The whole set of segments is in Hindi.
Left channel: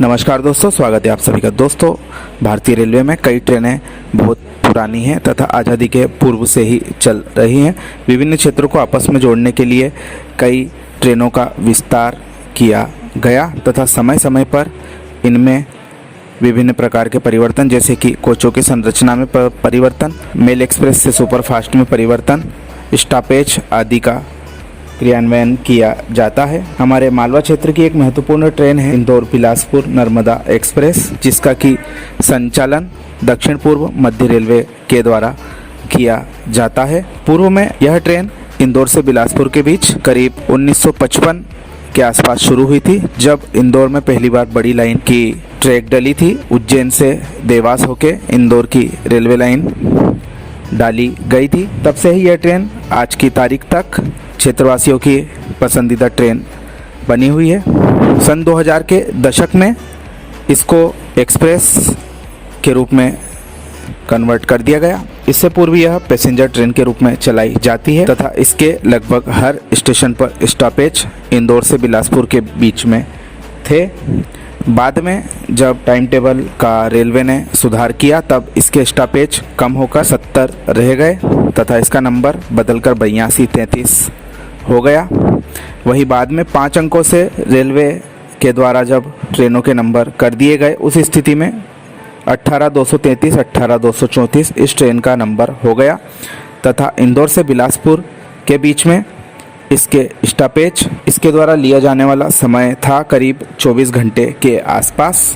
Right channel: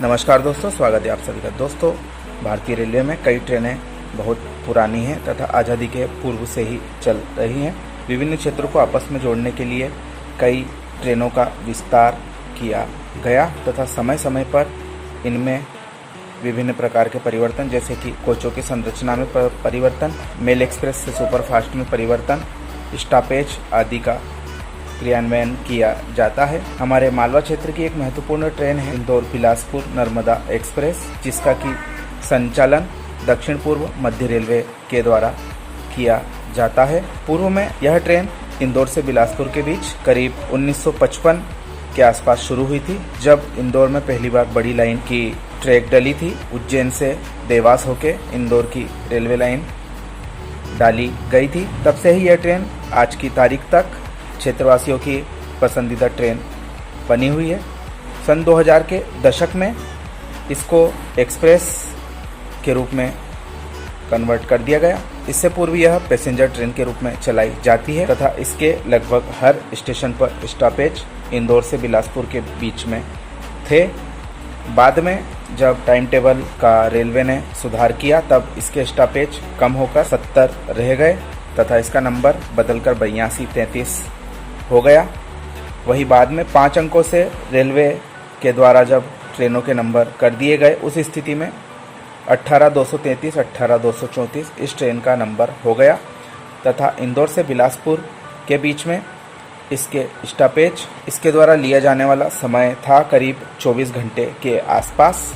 नमस्कार दोस्तों, स्वागत है आप सभी का। दोस्तों, भारतीय रेलवे में कई ट्रेनें बहुत पुरानी हैं तथा आज़ादी के पूर्व से ही चल रही हैं। विभिन्न क्षेत्रों को आपस में जोड़ने के लिए कई ट्रेनों का विस्तार किया गया तथा समय समय पर इनमें विभिन्न प्रकार के परिवर्तन, जैसे कि कोचों की संरचना में परिवर्तन, मेल एक्सप्रेस से सुपरफास्ट में परिवर्तन, स्टॉपेज आदि का क्रियान्वयन किया जाता है। हमारे मालवा क्षेत्र की एक महत्वपूर्ण ट्रेन है इंदौर बिलासपुर नर्मदा एक्सप्रेस, जिसका की संचालन दक्षिण पूर्व मध्य रेलवे के द्वारा किया जाता है। पूर्व में यह ट्रेन इंदौर से बिलासपुर के बीच करीब 1955 के आसपास शुरू हुई थी, जब इंदौर में पहली बार बड़ी लाइन की ट्रैक डली थी। उज्जैन से देवास होके इंदौर की रेलवे लाइन डाली गई थी। तब से ही यह ट्रेन आज की तारीख तक क्षेत्रवासियों की पसंदीदा ट्रेन बनी हुई है। सन 2000 के दशक में इसको एक्सप्रेस के रूप में कन्वर्ट कर दिया गया। इससे पूर्व यह पैसेंजर ट्रेन के रूप में चलाई जाती है तथा इसके लगभग हर स्टेशन पर स्टॉपेज इंदौर से बिलासपुर के बीच में थे। बाद में जब टाइम टेबल का रेलवे ने सुधार किया, तब इसके स्टॉपेज कम होकर 70 रह गए तथा इसका नंबर बदलकर 8233 हो गया। वही बाद में 5 अंकों से रेलवे के द्वारा जब ट्रेनों के नंबर कर दिए गए, उस स्थिति में 18233, 18234 इस ट्रेन का नंबर हो गया तथा इंदौर से बिलासपुर के बीच में इसके स्टॉपेज, इसके द्वारा लिया जाने वाला समय था करीब 24 घंटे के आसपास।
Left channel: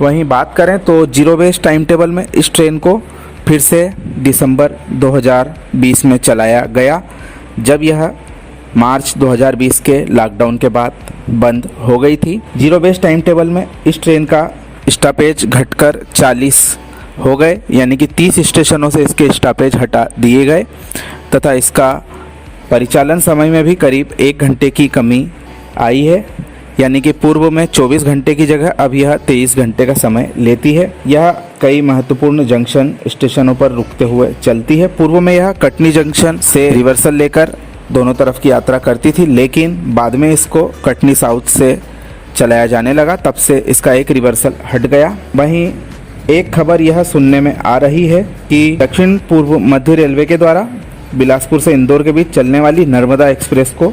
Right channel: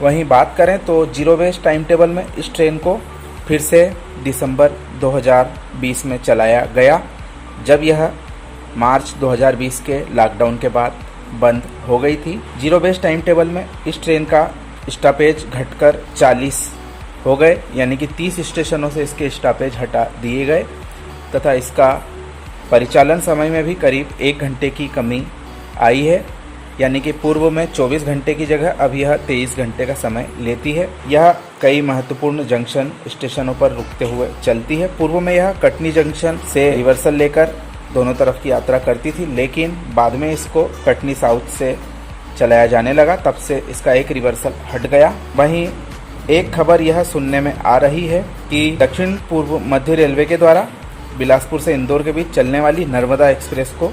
वहीं बात करें तो जीरो बेस टाइम टेबल में इस ट्रेन को फिर से दिसंबर 2020 में चलाया गया, जब यह मार्च 2020 के लॉकडाउन के बाद बंद हो गई थी। जीरो बेस टाइम टेबल में इस ट्रेन का स्टॉपेज घटकर 40 हो गए, यानी कि 30 स्टेशनों से इसके स्टॉपेज हटा दिए गए तथा इसका परिचालन समय में भी करीब 1 घंटे की कमी आई है, यानी कि पूर्व में 24 घंटे की जगह अब यह 23 घंटे का समय लेती है। यह कई महत्वपूर्ण जंक्शन स्टेशनों पर रुकते हुए चलती है। पूर्व में यह कटनी जंक्शन से रिवर्सल लेकर दोनों तरफ की यात्रा करती थी, लेकिन बाद में इसको कटनी साउथ से चलाया जाने लगा, तब से इसका एक रिवर्सल हट गया। वहीं एक खबर यह सुनने में आ रही है कि दक्षिण पूर्व मध्य रेलवे के द्वारा बिलासपुर से इंदौर के बीच चलने वाली नर्मदा एक्सप्रेस को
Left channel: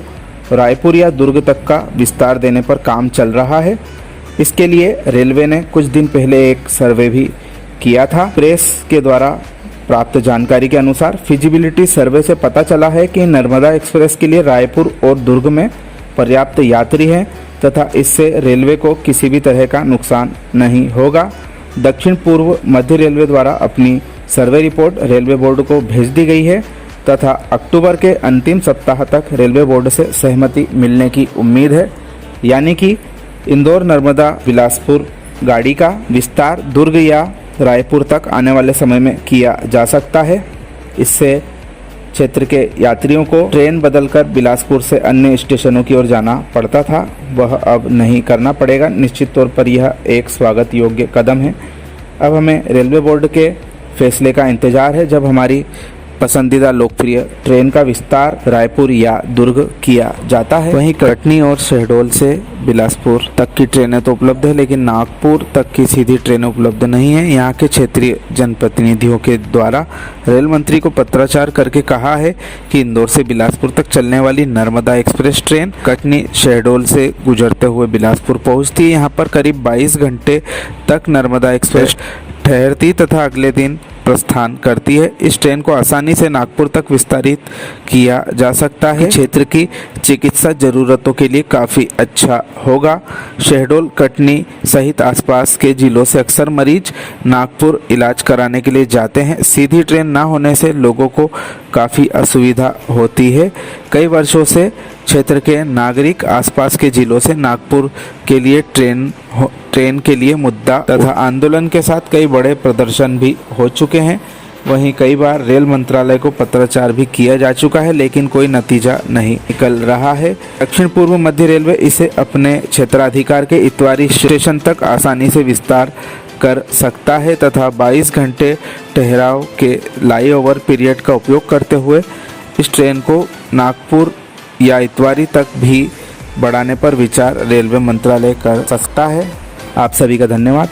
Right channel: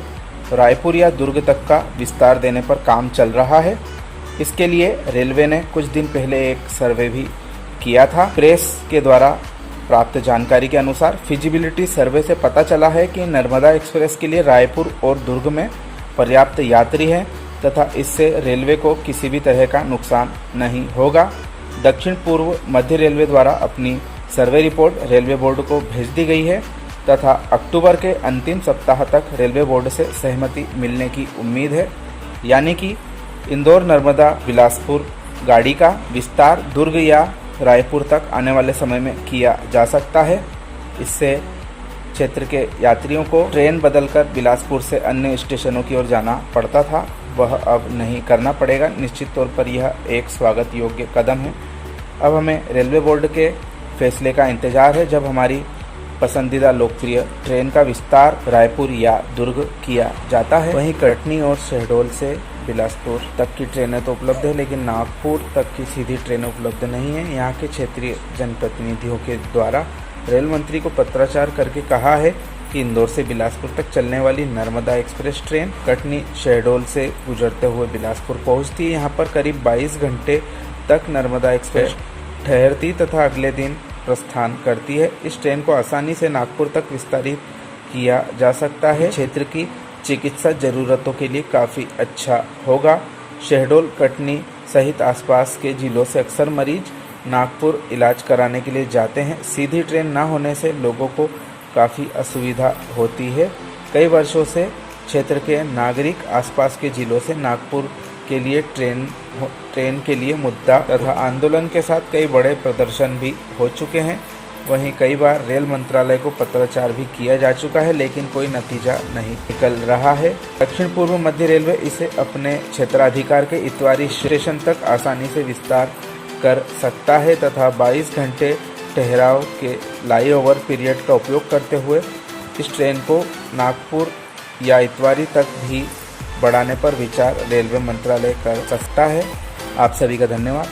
रायपुर या दुर्ग तक का विस्तार देने पर काम चल रहा है। इसके लिए रेलवे ने कुछ दिन पहले एक सर्वे भी किया था। प्रेस के द्वारा प्राप्त जानकारी के अनुसार फिजिबिलिटी सर्वे से पता चला है कि नर्मदा एक्सप्रेस के लिए रायपुर और दुर्ग में पर्याप्त यात्री हैं तथा इससे रेलवे को किसी भी तरह का नुकसान नहीं होगा। दक्षिण पूर्व मध्य रेलवे द्वारा अपनी सर्वे रिपोर्ट रेलवे बोर्ड को भेज दी गई है तथा अक्टूबर के अंतिम सप्ताह तक रेलवे बोर्ड से सहमति मिलने की उम्मीद है, यानी कि इंदौर नर्मदा बिलासपुर गाड़ी का विस्तार दुर्ग या रायपुर तक आने वाले समय में किया जा सकता है। इससे क्षेत्र के यात्रियों को ट्रेन बदलकर बिलासपुर से अन्य स्टेशनों की ओर जाना पड़ता था, वह अब नहीं करना पड़ेगा। निश्चित तौर पर यह एक स्वागत योग्य कदम है। अब हमें रेलवे बोर्ड के फैसले का इंतजार है, जब हमारी पसंदीदा लोकप्रिय ट्रेन का विस्तार रायपुर या दुर्ग किया जाता है। वहीं कटनी और शहडोल से बिलासपुर तक की ट्रेनें तो उपलब्ध है, लेकिन नागपुर तक की सीधी ट्रेनें उपलब्ध नहीं है। यहाँ के क्षेत्रीय जनप्रतिनिधियों के द्वारा रेल मंत्री को पत्राचार करके कहा है कि इंदौर से बिलासपुर तक चलने वाली नर्मदा एक्सप्रेस ट्रेन कटनी शहडोल से गुजरते हुए बिलासपुर पहुँचती है। यहाँ पर करीब 22 घंटे तक नर्मदा एक्सप्रेस ठहरती तथा अगले दिन प्रस्थान करती है। इस ट्रेन को आसानी से नागपुर तक विस्तारित किया जा सकता है। क्षेत्र की चिकित्सा जरूरतों के लिए काफ़ी अच्छा होगा। शहडोल, कटनी सहित आसपास के जिलों से अक्सर मरीज नागपुर इलाज कराने के लिए जाते हैं। सीधी ट्रेन ना होने से लोगों को काफ़ी असुविधा होती है। कई वर्षों से क्षेत्र के नागरिक आसपास के जिलों से नागपुर के लिए ट्रेन के लिए मुद्दा तथा आंदोलन के साथ कई बड़े प्रदर्शन भी हो चुके हैं। वहीं कई बार रेल मंत्रालय को पत्राचार भी किया जा चुका है, लेकिन कोई नतीजा नहीं निकल रहा है। दक्षिण पूर्व मध्य रेलवे इसे अपने क्षेत्राधिकार के इतवारी स्टेशन तक आसानी से विस्तार कर सकता है तथा 22 घंटे ठहराव के लाईओवर पीरियड का उपयोग करते हुए इस ट्रेन को नागपुर या इतवारी तक भी बढ़ाने पर विचार रेलवे मंत्रालय कर सकता है। आप सभी का धन्यवाद।